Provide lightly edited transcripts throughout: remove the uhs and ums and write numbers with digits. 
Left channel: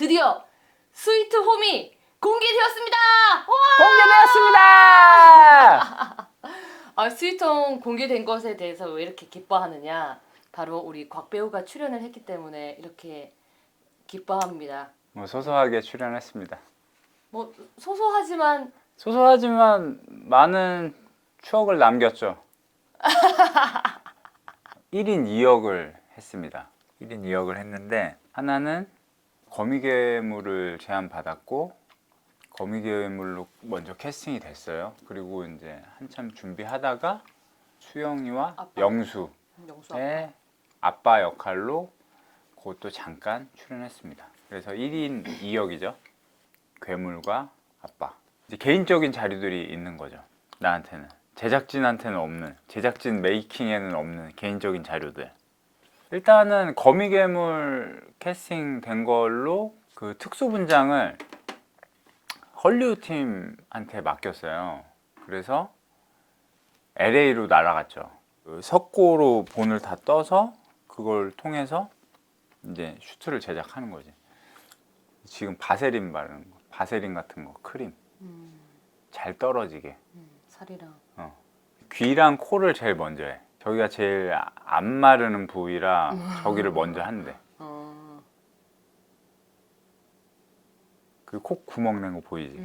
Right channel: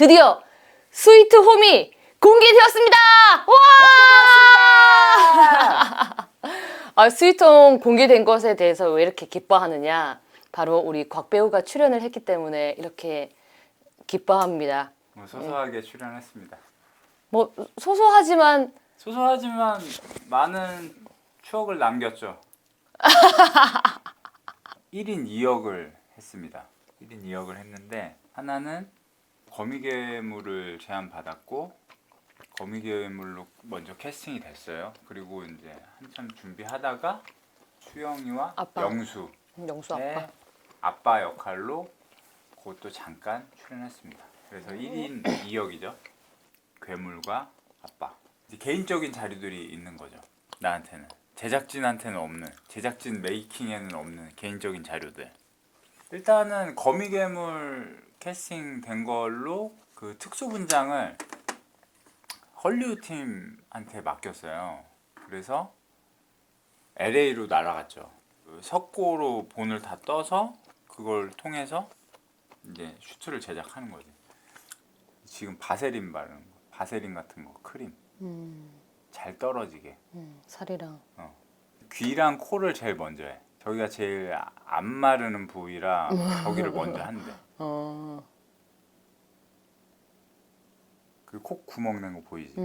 드디어 스위트 홈이 공개되었습니다. 와! 공개되었습니다. 스위트 홈 공개된 것에 대해서 왜 이렇게 기뻐하느냐? 바로 우리 곽 배우가 출연을 했기 때문에 이렇게 기뻐합니다. 소소하게 출연했습니다. 뭐 소소하지만 소소하지만 많은 추억을 남겼죠. 1인 2역을 했습니다. 1인 2역을 했는데 하나는 거미괴물을 제안받았고 거미괴물로 먼저 캐스팅이 됐어요. 그리고 이제 한참 준비하다가 수영이와 아빠. 영수의 영수 아빠. 아빠 역할로 그것도 잠깐 출연했습니다. 그래서 1인 2역이죠. 괴물과 아빠. 이제 개인적인 자료들이 있는 거죠. 나한테는. 제작진한테는 없는, 제작진 메이킹에는 없는 개인적인 자료들. 일단은 거미괴물 캐스팅 된 걸로 그 특수분장을 헐리우드 팀한테 맡겼어요. 그래서 LA로 날아갔죠. 그 석고로 본을 다 떠서 그걸 통해서 이제 슈트를 제작하는 거지. 지금 바세린 바르는 거, 바세린 같은 거, 크림 잘 떨어지게. 살이랑. 귀랑 코를 제일 먼저 해. 저기가 제일 안 마르는 부위라 저기를 먼저 한대. 그 코 구멍 낸 거 보이지?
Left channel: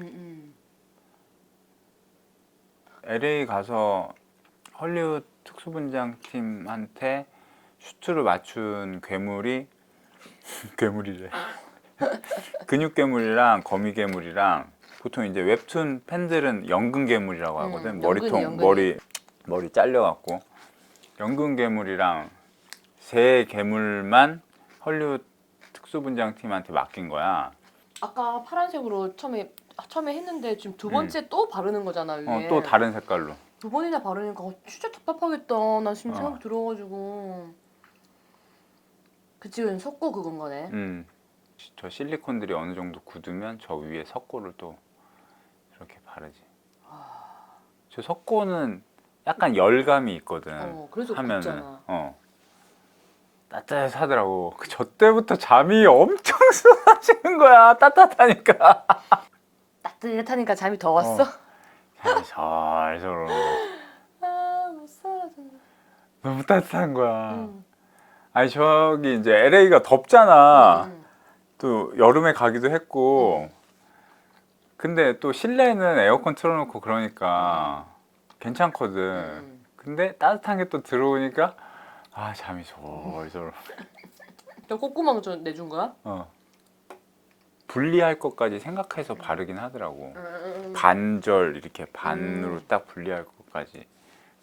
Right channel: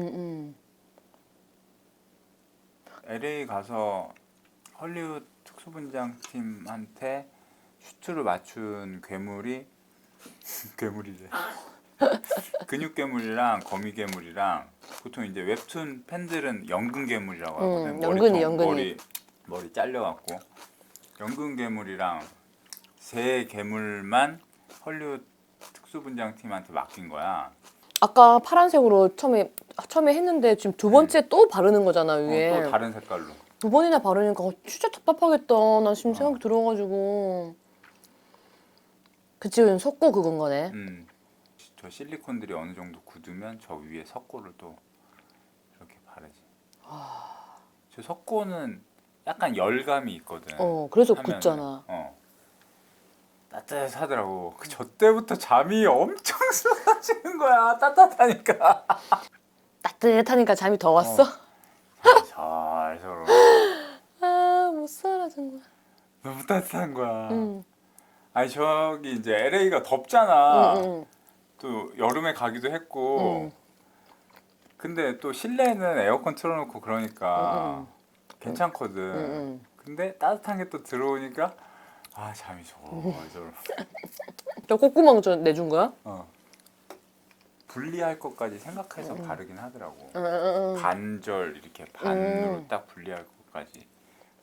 LA 가서 헐리우드 특수분장 팀한테 슈트를 맞춘 괴물이 괴물이래. 근육 괴물이랑 거미 괴물이랑 보통 이제 웹툰 팬들은 연근 괴물이라고 하거든. 연근이. 머리 잘려갖고 연근 괴물이랑 새 괴물만 헐리우드 특수분장 팀한테 맡긴 거야. 아까 파란색으로 처음에 했는데 지금 두 번째 또 바르는 거잖아 위에. 또 다른 색깔로. 두 번이나 바르니까 진짜 답답하겠다. 나 지금 생각 들어가지고. 그치, 속고 그건 거네. 저 실리콘들이 어느 정도 굳으면 저 위에 석고를 또 이렇게 바르지. 저 석고는 약간 열감이 있거든. 그래서 하면은. 굳잖아. 따뜻하더라고. 저 때부터 잠이 엄청 쏟아지는 거야. 따뜻하니까. 따뜻하니까 잠이 더 왔어? 잠이 살살 오르고. 못 살아 정말. 너무 따뜻한 거야. 아니 저기 이제 LA가 덥잖아. 또 여름에 가기도 했고. 근데 또 실내는 에어컨 틀어놓고 그러니까 괜찮거든. 근데 따뜻한 게 또 들어오니까 잠이 솔솔. 저 콧구멍 내준 거야? 분리할 것까지 생각해서 바르긴 하더라고. 반절 이렇게 반으로 딱 분리할 것까지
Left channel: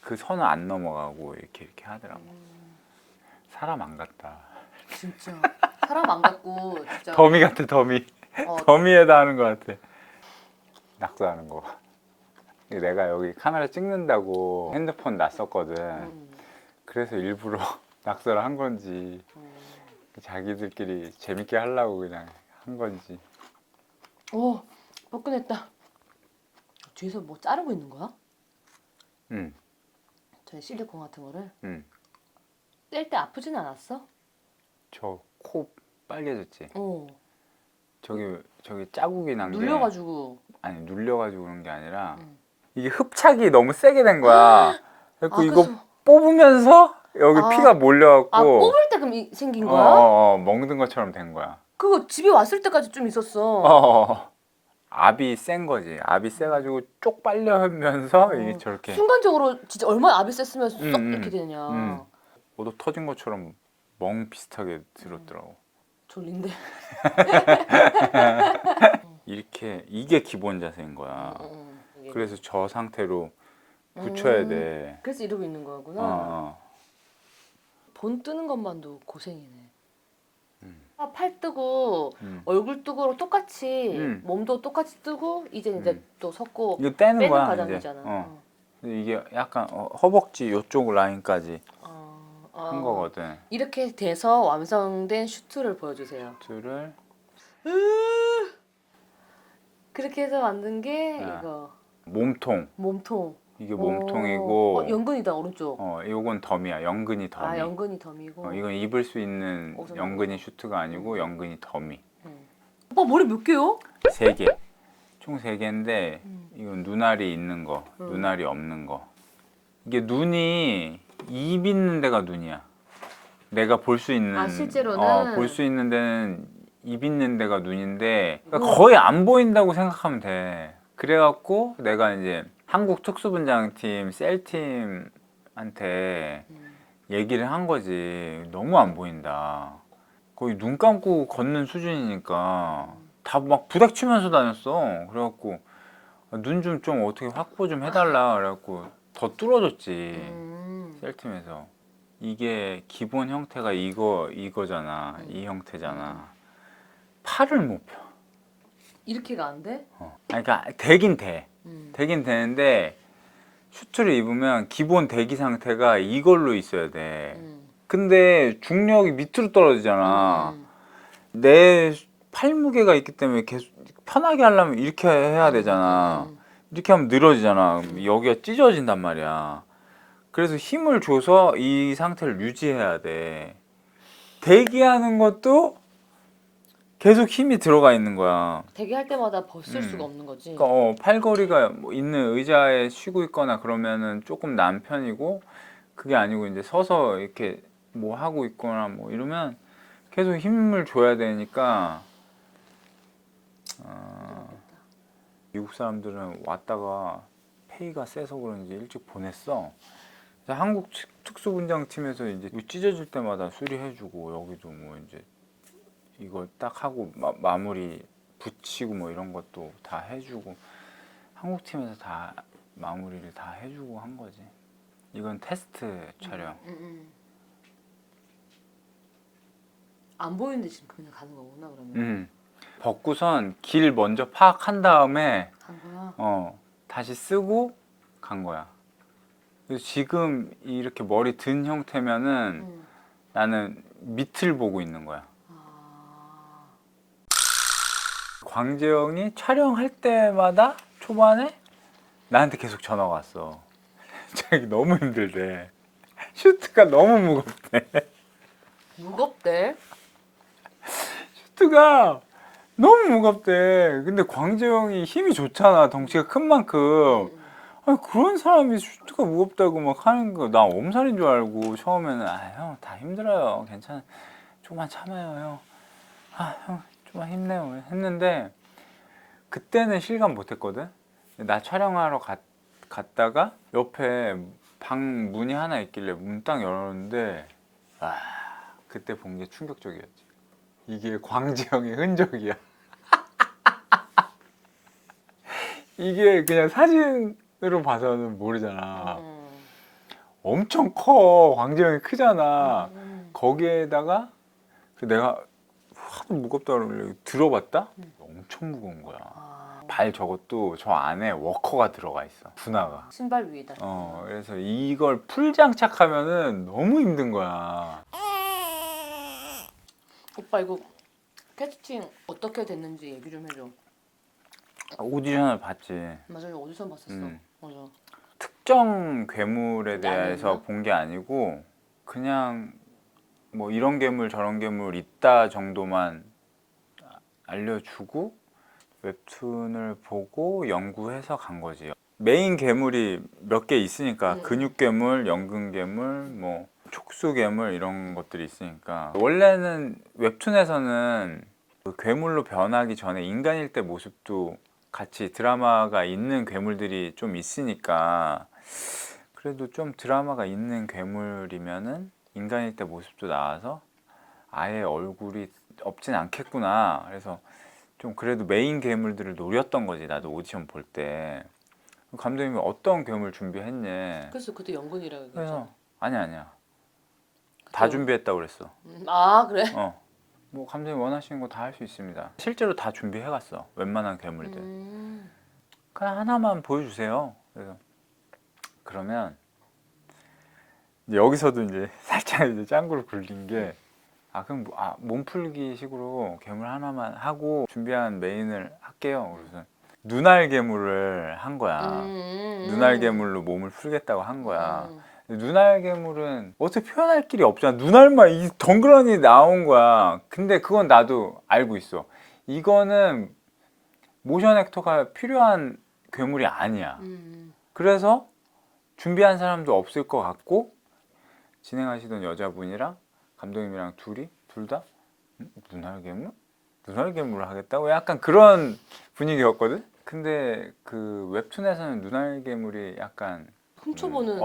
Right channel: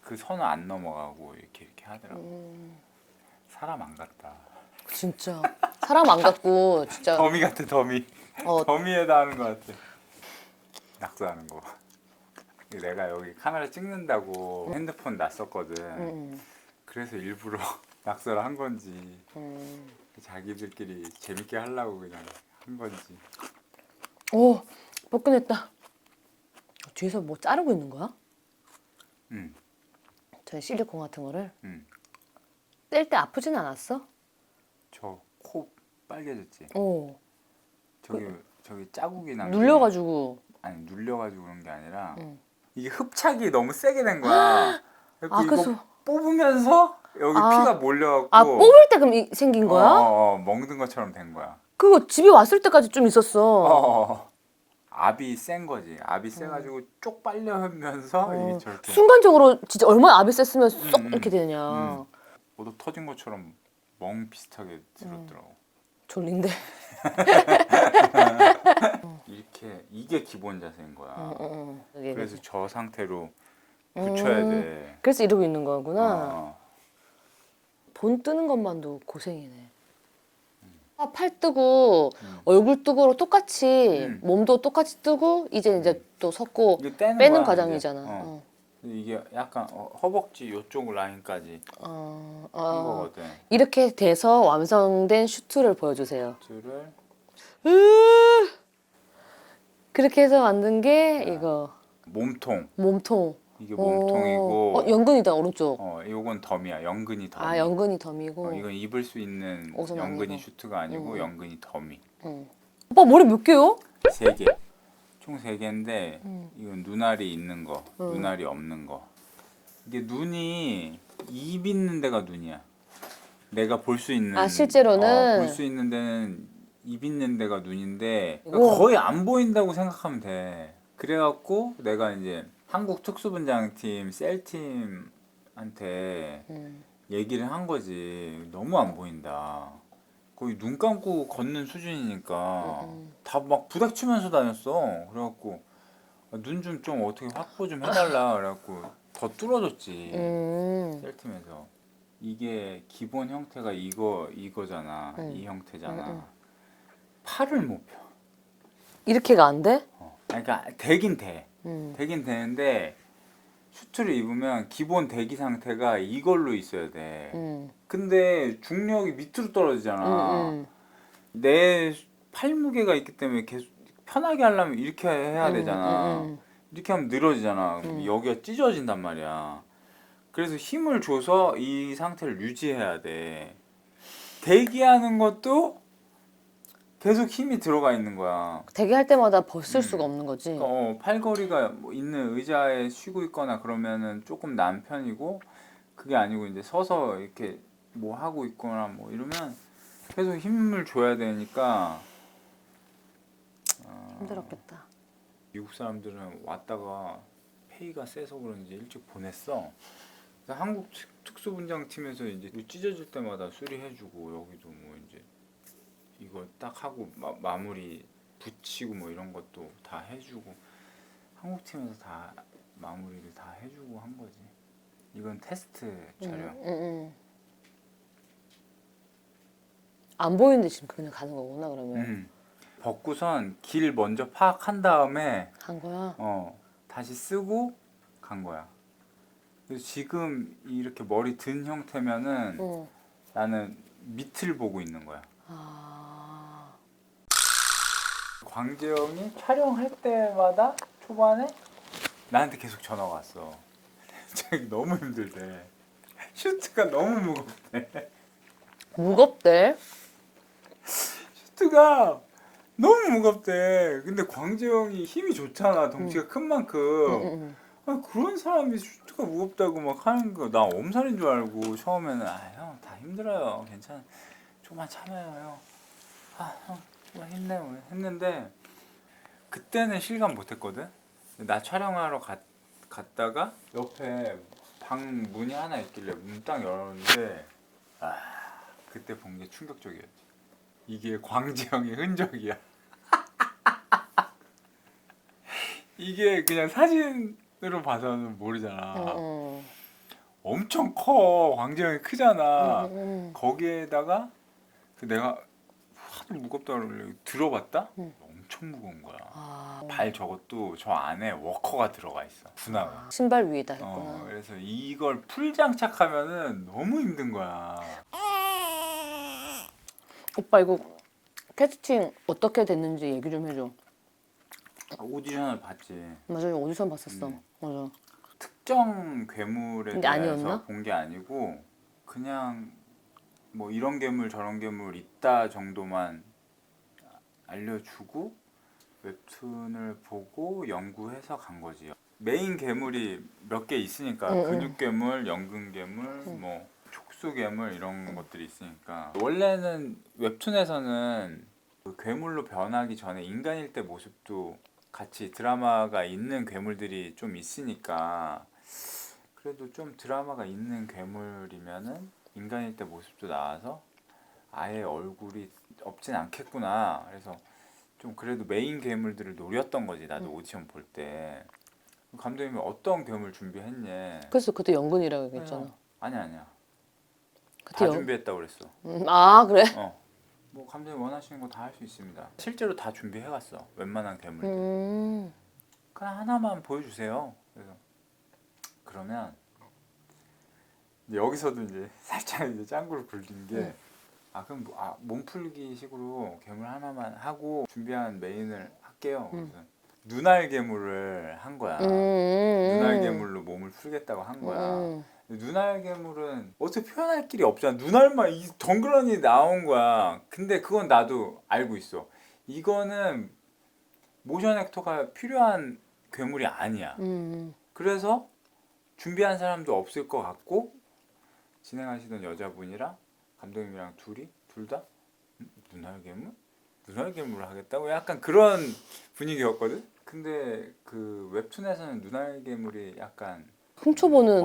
그 선을 안 넘어가고 이렇게 하더라고. 사람 안 같다. 진짜 사람 안 갖고 진짜. 더미 같아 더미. 더미에다 하는 것 같아. 낙서하는 거. 내가 여기 카메라 찍는다고 핸드폰 놨었거든. 그래서 일부러 낙서를 한 건지 자기들끼리 재밌게 하려고 그냥 한 건지. 뻐근했다. 뒤에서 뭐 자르고 있는 거야? 응. 저 실리콘 같은 거를? 응. 뗄 때 아프진 않았어? 저 코 빨개졌지? 어. 저기 자국이 난 게 눌려가지고. 아니 눌려가지고 그런 게 아니라 이게 흡착이 너무 세게 된 거야. 그래서 이거 그래서... 뽑으면서 여기 피가 몰려갖고 뽑을 때 그럼 생긴 거야? 먹는 것처럼 된 거야. 그거 집에 왔을 때까지 좀 있었어. 압이 센 거지. 압이 세가지고 쪽 빨려면서 이게 저렇게 순간적으로 진짜 얼마나 압이 셌으면 쏙 이렇게 되냐. 오도 터진 것처럼 멍 비슷하게 들었더라고. 졸린데. 이게 기본 자세인 거야. 그래서 저 상태로 붙여야 돼. 그래서 이러고 있는 거구나. 본 뜨는 것만도 고생이네. 팔 뜨고 얼굴 뜨고로 똑같이 몸도 똑같이 뜨고 이제 또 섞고 이거 빼는 거야, 과정이잖아. 이게 약간 허벅지 요쪽 라인까지 한 거거든. 이렇게 돼서 완성된 슈트를 보여주세요. 슈트를 그렇게 해서 만든 게 이거 몸통. 이게 오. 몸통이고 연근이다 오른쪽. 이건 덤이야. 연근이 덤이. 연근이 덤이고. 이건 입을 수 있는 옷은 연근이 아니고. 슈트가 아니고 연근이 덤이. 오빠 머리 몇 개요? 3개. 총 3개인데 이건 눈알이 있는 거, 눈알이 없는 거. 이게 눈이 입 있는 데가 눈이야. 내가 볼 수 있는 아, 실제로는? 볼 수 있는 데는 입 있는 데가 눈인데 우와. 거의 안 보인다고 생각하면 돼. 그래갖고 내가 이제 한국 특수분장팀 셀팀한테 얘기를 한 거지. 너무 안 보인다. 거의 눈 감고 걷는 수준이니까 다 막 부닥치면서 다녔어. 그래갖고 눈 좀 어떻게 확보 좀 해달라. 그래갖고 더 뚫어줬지. 셀팀에서. 이게 기본 형태가 이거잖아. 이 형태잖아. 팔을 못 펴. 이렇게가 안 돼? 그러니까 되긴 돼. 되긴 되는데 슈트를 입으면 기본 대기 상태가 이걸로 있어야 돼. 근데 중력이 밑으로 떨어지잖아. 내 팔무게가 있기 때문에 계속 편하게 하려면 이렇게 해야 되잖아. 이렇게 하면 늘어지잖아. 여기가 찢어진단 말이야. 그래서 힘을 줘서 이 상태를 유지해야 돼. 대기하는 것도 계속 힘이 들어가 있는 거야. 대기할 때마다 벗을 수가 없는 거지. 그러니까 팔걸이가 뭐 있는 의자에 쉬고 있거나 그러면은 조금 난 편이고, 그게 아니고 이제 서서 이렇게 뭐 하고 있거나 뭐 이러면 계속 힘을 줘야 되니까. 힘들었겠다. 미국 사람들은 왔다가 페이가 세서 그런지 일찍 보냈어. 그래서 한국 특수분장팀에서 이제 찢어질 때마다 수리해주고, 여기도 뭐 이제 이거 딱 하고 마무리 붙이고 뭐 이런 것도 다 해주고, 한국 팀에서 다 마무리를 다 해주고 한 거지. 이건 테스트 촬영. 안 보이는데 지금 그냥 가는 거구나 그러면. 벗고선 길 먼저 파악한 다음에 간 거야. 다시 쓰고 간 거야. 그래서 지금 이렇게 머리 든 형태면은 나는 밑을 보고 있는 거야. 광재영이 촬영할 때마다 초반에 나한테 계속 전화가 왔어. 자기 너무 힘들대. 슈트가 너무 무겁대. 무겁대. 슈트가 너무 무겁대. 근데 광재영이 힘이 좋잖아. 덩치가 큰 만큼. 아니, 그런 사람이 슈트가 무겁다고 막 하는 거, 나 엄살인 줄 알고 처음에는 형 다 힘들어요. 괜찮아. 조금만 참아요, 형. 형 조금만 힘내요. 했는데 그때는 실감 못했거든. 나 촬영하러 갔다가 옆에 방 문이 하나 있길래 문 딱 열었는데 그때 본 게 충격적이었지. 이게 광재영의 흔적이야. 이게 그냥 사진으로 봐서는 모르잖아. 엄청 커. 광재영이 크잖아. 거기에다가 내가 확 무겁다 그러길래 들어봤다? 엄청 무거운 거야. 발 저것도 저 안에 워커가 들어가 있어. 분화가. 신발 위에다. 그래서 이걸 풀 장착하면은 너무 힘든 거야. 오빠 이거 캐스팅 어떻게 됐는지 얘기 좀 해줘. 오디션을 봤지. 맞아요, 오디션 봤었어. 맞아. 특정 괴물에 근데 대해서 아니었나? 본 게 아니고 그냥 뭐 이런 괴물 저런 괴물 있다 정도만 알려주고 웹툰을 보고 연구해서 간 거지. 메인 괴물이 몇 개 있으니까 근육 괴물, 연근 괴물, 뭐 촉수 괴물 이런 것들이 있으니까. 원래는 웹툰에서는 그 괴물로 변하기 전에 인간일 때 모습도 같이 드라마가 있는 괴물들이 좀 있으니까, 그래도 좀 드라마가 있는 괴물이면은 인간일 때 모습도 나와서 아예 얼굴이 없진 않겠구나. 그래서 좀 그래도 메인 괴물들을 노렸던 거지. 나도 오디션 볼 때. 감독님이 어떤 괴물 준비했냐. 그래서 그때 연근이라고 얘기했잖아. 아니야. 그때 다 준비했다고 그랬어. 아 그래? 뭐 감독님 원하시는 거 다 할 수 있습니다. 실제로 다 준비해갔어. 웬만한 괴물들. 그냥 하나만 보여주세요. 그래서 그러면 여기서도 이제 살짝 이제 짱구를 굴린 게, 그럼 몸풀기 식으로 괴물 하나만 하고 준비한 메인을 할게요. 그래서 눈알 괴물을 한 거야. 눈알 괴물로 몸을 풀겠다고 한 거야. 눈알 괴물은 어떻게 표현할 길이 없잖아. 눈알만 이 덩그러니 나온 거야. 근데 그건 나도 알고 있어. 이거는 모션 액터가 필요한 괴물이 아니야. 그래서 준비한 사람도 없을 것 같고 진행하시던 여자분이랑 감독님이랑 둘 다 눈알 괴물? 눈알 괴물을 하겠다고 약간 그런 분위기였거든. 근데 그 웹툰에서는 눈알 괴물이 약간 훔쳐보는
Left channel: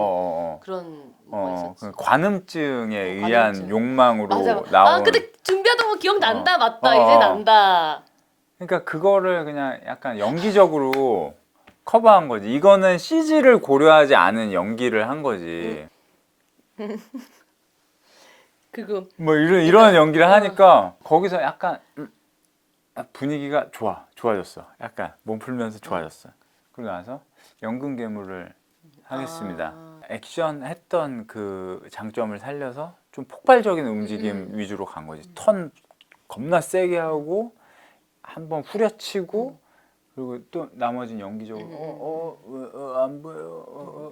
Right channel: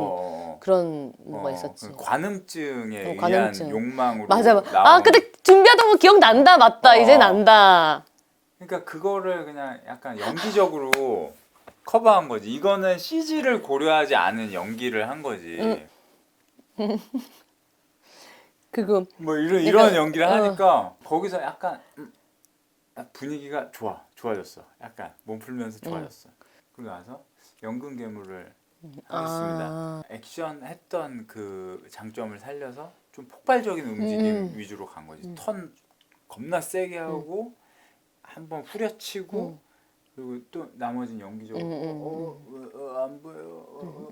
그런 뭐가 있었지. 그 관음증에 의한 관음증. 욕망으로 맞아. 나온. 근데 준비하던 거 기억난다. 맞다. 이제 난다. 그러니까 그거를 그냥 약간 연기적으로 커버한 거지. 이거는 CG를 고려하지 않은 연기를 한 거지. 그거 뭐 이런 연기를 하니까 거기서 약간 분위기가 좋아졌어. 약간 몸 풀면서 좋아졌어. 그러고 나서 연근 괴물을 하겠습니다. 액션 했던 그 장점을 살려서 좀 폭발적인 움직임 위주로 간 거지. 턴 겁나 세게 하고 한 번 후려치고 그리고 또 나머지는 연기적으로 안 보여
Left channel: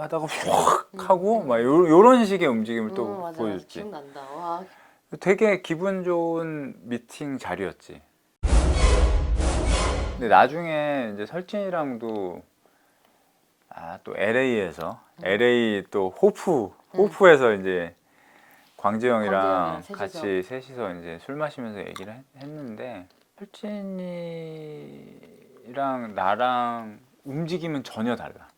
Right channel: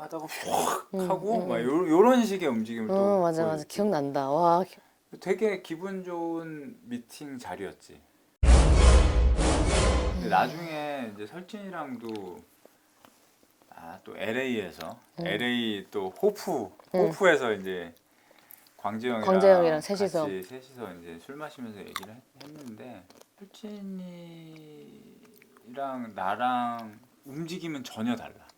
하다가 확 하고 막 요런 식의 움직임을 또 맞아 보여줬지. 기억난다. 와. 되게 기분 좋은 미팅 자리였지. 근데 나중에 이제 설진이랑도 또 LA에서 LA 또 호프에서 이제 광재형이랑 셋이서. 같이 셋이서 이제 술 마시면서 얘기를 했는데 설진이랑 나랑 움직임은 전혀 달라.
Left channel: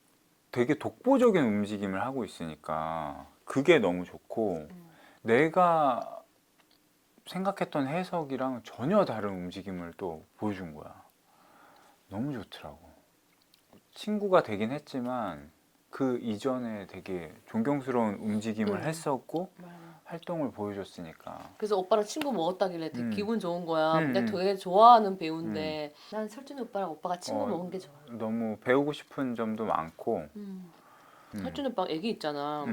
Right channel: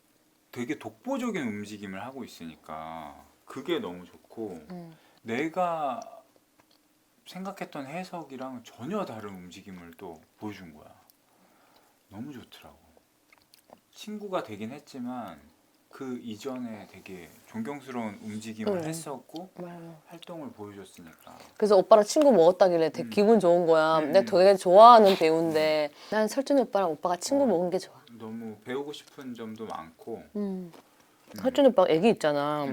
되게 독보적인 움직임을 하고 있으니까 그게 너무 좋고 내가 생각했던 해석이랑 전혀 다른 움직임을 또 보여준 거야. 너무 좋더라고. 친구가 되긴 했지만 그 이전에 되게 존경스러운 움직임을 했었고 활동을 보여줬으니까. 그래서 오빠랑 친구 먹었다길래 되게 기분 좋은 거야. 내가 되게 좋아하는 배우인데 난 설준이 오빠랑 오빠가 친구 먹은 게 좋아. 너무 배우고 싶은 점도 많고. 설준이 오빠가 애기 있잖아.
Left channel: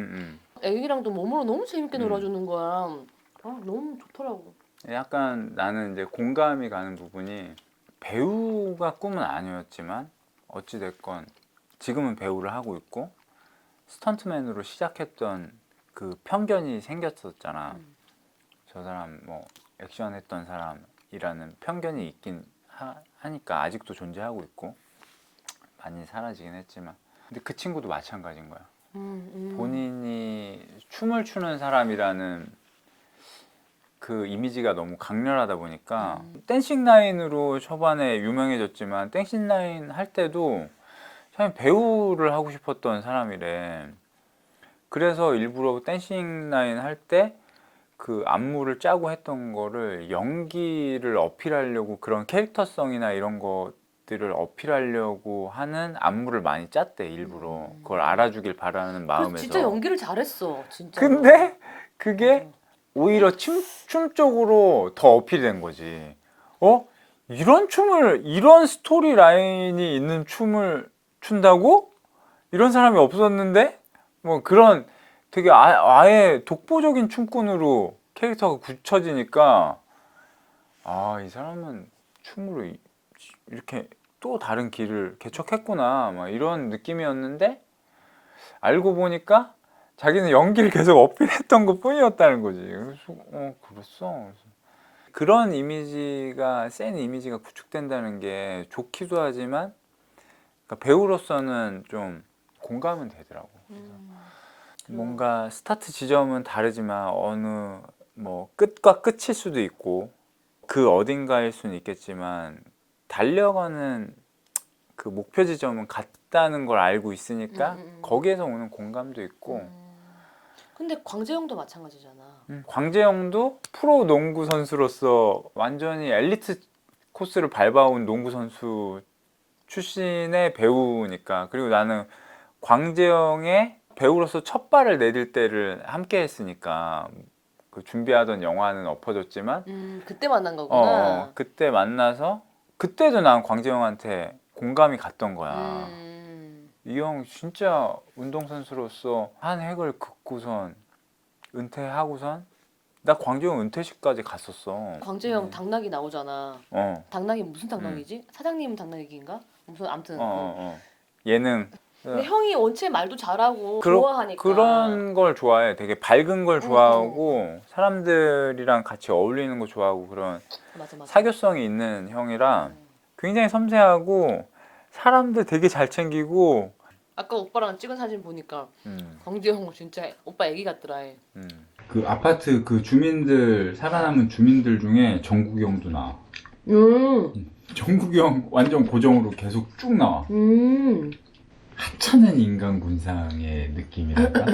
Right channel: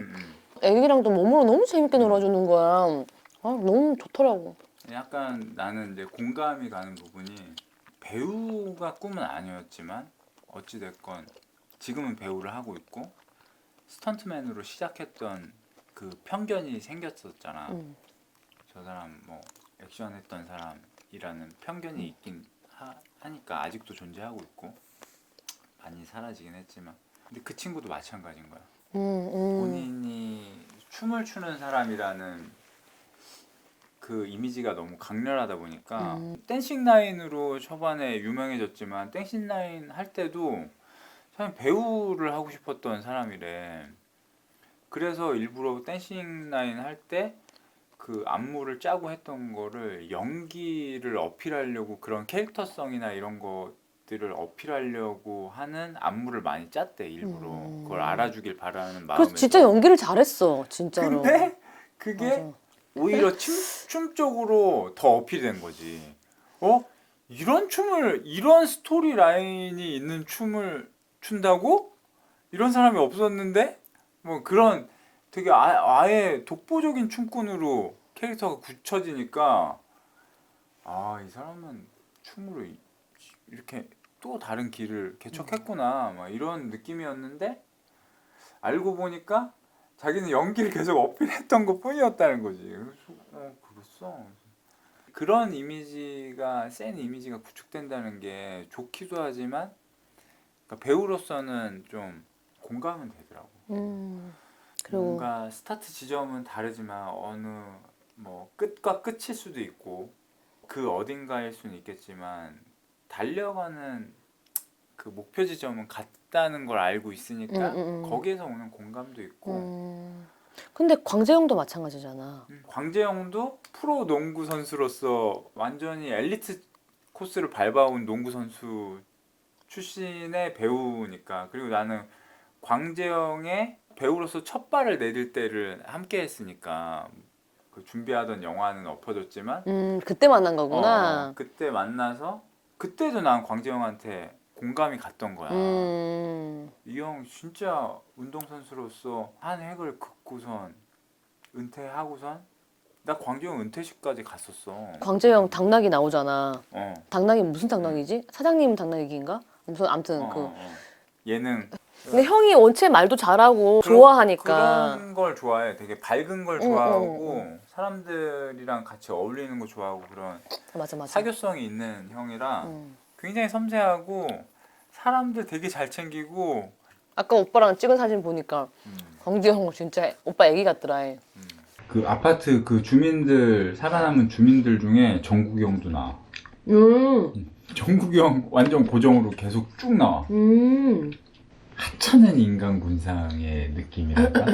애기랑도 몸으로 너무 재밌게 놀아주는 거야. 너무 좋더라고. 약간 나는 이제 공감이 가는 부분이 배우가 꿈은 아니었지만 어찌됐건 지금은 배우를 하고 있고 스턴트맨으로 시작했던 그 편견이 생겼었잖아. 저 사람 뭐 액션 했던 사람이라는 편견이 있긴 하니까 아직도 존재하고 있고 많이 사라지긴 했지만 근데 그 친구도 마찬가지인 거야. 본인이 춤을 추는 사람이라는 그 이미지가 너무 강렬하다 보니까 댄싱 라인으로 초반에 유명해졌지만 댄싱 라인 할 때도 참 배우를 하고 싶었던 사람이래. 그래서 일부러 댄싱 라인 할 때 그 안무를 짜고 했던 거를 연기를 어필하려고 그런 캐릭터성이나 이런 것들을 어필하려고 하는 안무를 많이 짰대 일부러. 그걸 알아주길 바라는 마음에서. 그래서 진짜 연기를 잘했어. 진짜로. 근데 그게 맞아. 오히려 춤 쪽으로 더 어필된 거지. 이런 스토리 라인이 있는 춤을 춘다고? 이런 사람이 없었는데? 뭐 그런 되게 아예 독보적인 춤꾼으로 캐릭터가 굳혀지니까 이 사람은 춤으로 이렇게 또 다른 길을 개척했구나 막 이런 느낌이었는데 알고 보니까 자기는 연기를 계속 어필했던 것 뿐이었다는 거지. 그래서 그랬어. 그런 이미지가 센 이미지가 구축된다는 게 좋기도 하지만 그러니까 배우로서는 좀 공감은 되더라고. 뭔가 스타트 지점은 다르지만 어느 뭐 끝과 끝일 수도 있고 그 어딘가일 수는 있겠지만 달려가는 그 목표 지점은 같다는 걸 알고 있으니까 거기에서 오는 공감도 있고. 근데 광재형도 마찬가지잖아. 광재형도 프로 농구 선수로서 완전히 엘리트 코스를 밟아온 농구 선수 출신의 배우니까. 그리고 나는 광재형의 배우로서 첫 발을 내딜 때를 함께 했으니까 그 준비하던 영화는 엎어졌지만 그때 만난 거구나. 그때 만나서 그때도 난 광재형한테 공감이 갔던 거야. 이 형 진짜 운동선수로서 한 획을 긋고선 은퇴하고선 나 광재형 은퇴식까지 갔었어. 광재형 당나귀 나오잖아. 당나귀 무슨 당나귀지? 사장님 당나귀인가? 무슨 아무튼 예능 근데 형이 원체 말도 잘하고 그러- 좋아하니까. 그런 걸 좋아해. 되게 밝은 걸 좋아하고 사람들이랑 같이 어울리는 거 좋아하고 그런 맞아. 사교성이 있는 형이라 굉장히 섬세하고 사람들 되게 잘 챙기고. 아까 오빠랑 찍은 사진 보니까 강지 형 진짜 오빠 애기 같더라. 그 아파트 그 주민들 살아남은 주민들 중에 정국이 형도 나와. 정국이 형 완전 고정으로 계속 쭉 나와. 하찮은 인간 군상의 느낌이랄까.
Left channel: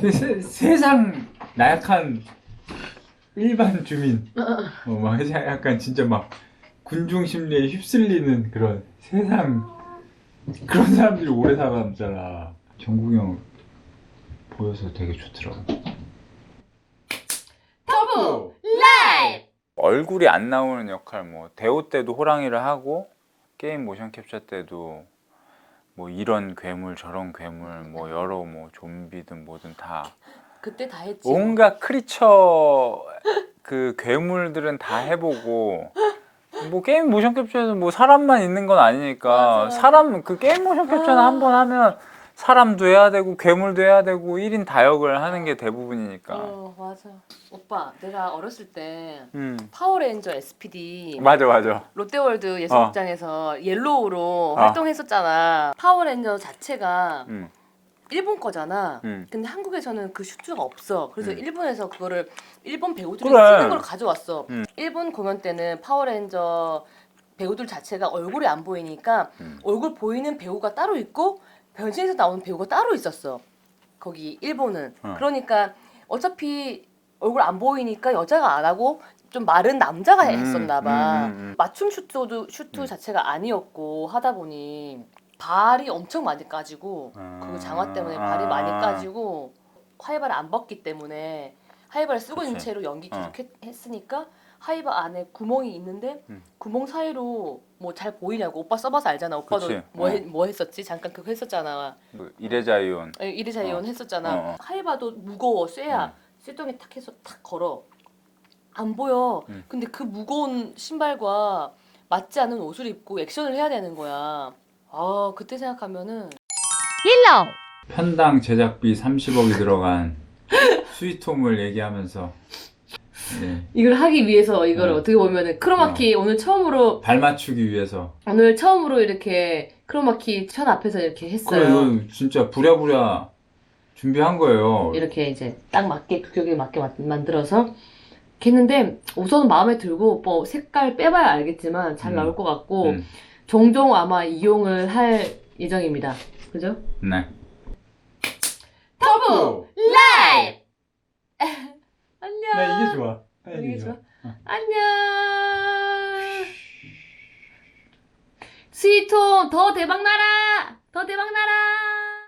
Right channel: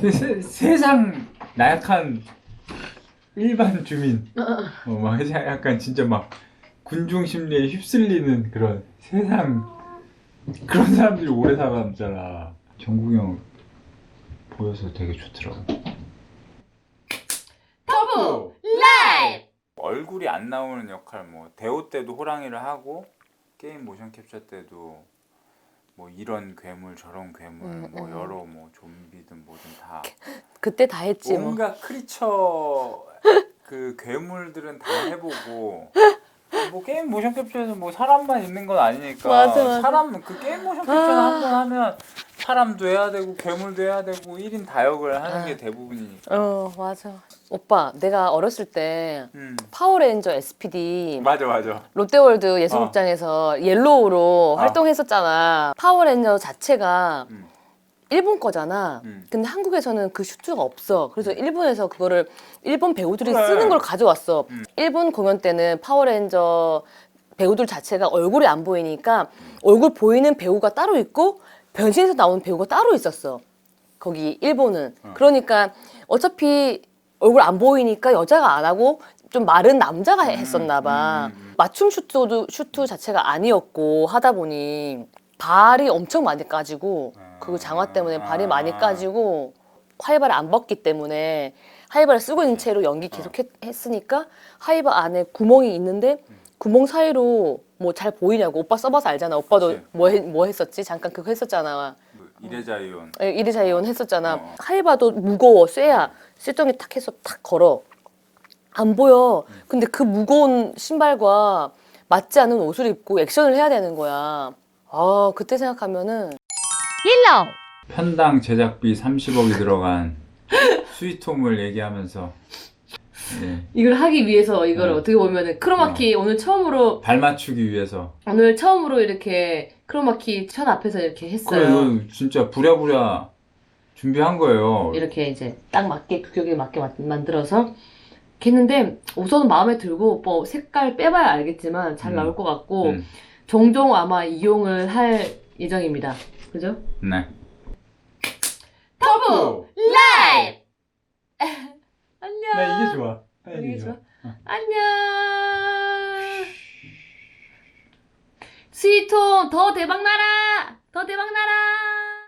근데 세상 나약한 일반 주민, 막 약간 진짜 막 군중 심리에 휩쓸리는 그런 세상 그런 사람들이 오래 살아남잖아. 정국이 형 보여서 되게 좋더라고. 터보 라이브! 얼굴이 안 나오는 역할, 뭐 대호 때도 호랑이를 하고 게임 모션 캡처 때도 뭐 이런 괴물 저런 괴물 뭐 여러 뭐 좀비든 뭐든 다 그때 다 했지. 온갖 크리처 그 괴물들은 다 해보고 뭐 게임 모션 캡처에서 뭐 사람만 있는 건 아니니까 맞아. 사람 그 게임 모션 캡처는 한 번 하면 사람도 해야 되고 괴물도 해야 되고 1인 다역을 하는 게 대부분이니까. 맞아. 오빠 내가 어렸을 때 파워레인저 SPD 맞아. 롯데월드 예술극장에서 옐로우로 활동했었잖아. 파워레인저 자체가 일본 거잖아. 근데 한국에서는 그 슈트가 없어. 그래서 일본에서 그거를 일본 배우들이 그래. 쓰는 걸 가져왔어. 일본 공연 때는 파워레인저 배우들 자체가 얼굴이 안 보이니까 얼굴 보이는 배우가 따로 있고 변신해서 나오는 배우가 따로 있었어. 거기 일본은. 그러니까 어차피 얼굴 안 보이니까 여자가 안 하고 좀 마른 남자가 했었나 봐. 맞춤 슈트 자체가 아니었고 하다 보니 발이 엄청 많이 까지고 그 장화 때문에 발이 많이 까지고 하이바를 안 벗기 때문에 하이바를 쓰고 있는 채로 연기 계속 했으니까 하이바 안에 구멍이 있는데 구멍 사이로 뭐 잘 보이냐고. 오빠 써봐서 알잖아. 오빠도 그치. 뭐 했었지? 잠깐 그거 했었잖아. 그 이레자이온. 이리자이온 했었잖아. 하이바도 무거워 쇠야. 쇠덩이 탁 해서 탁 걸어. 안 보여. 근데 그 무거운 신발과 맞지 않는 옷을 입고 액션을 해야 되는 거야. 아 그때 생각하면은 편당 제작비 30억이 들어간 스위트홈을 얘기하면서 이걸 하기 위해서 이걸 어떻게 보면은 크로마키 오늘 처음으로 발 맞추기 위해서. 이렇게 크로마키 천 앞에서 이렇게 그래, 했어요. 이거 진짜 부랴부랴 준비한 거예요. 이렇게 이제 딱 맞게 규격에 맞게 만들어서 이렇게 했는데 우선 마음에 들고 뭐 색깔 빼봐야 알겠지만 잘 나올 것 같고 종종 아마 이용을 할 예정입니다. 그죠? 네. 터보 라이브! 안녕. 나 이게 좋아. 이게 좋아? 안녕. 스위트홈 더 대박 나라! 더 대박 나라!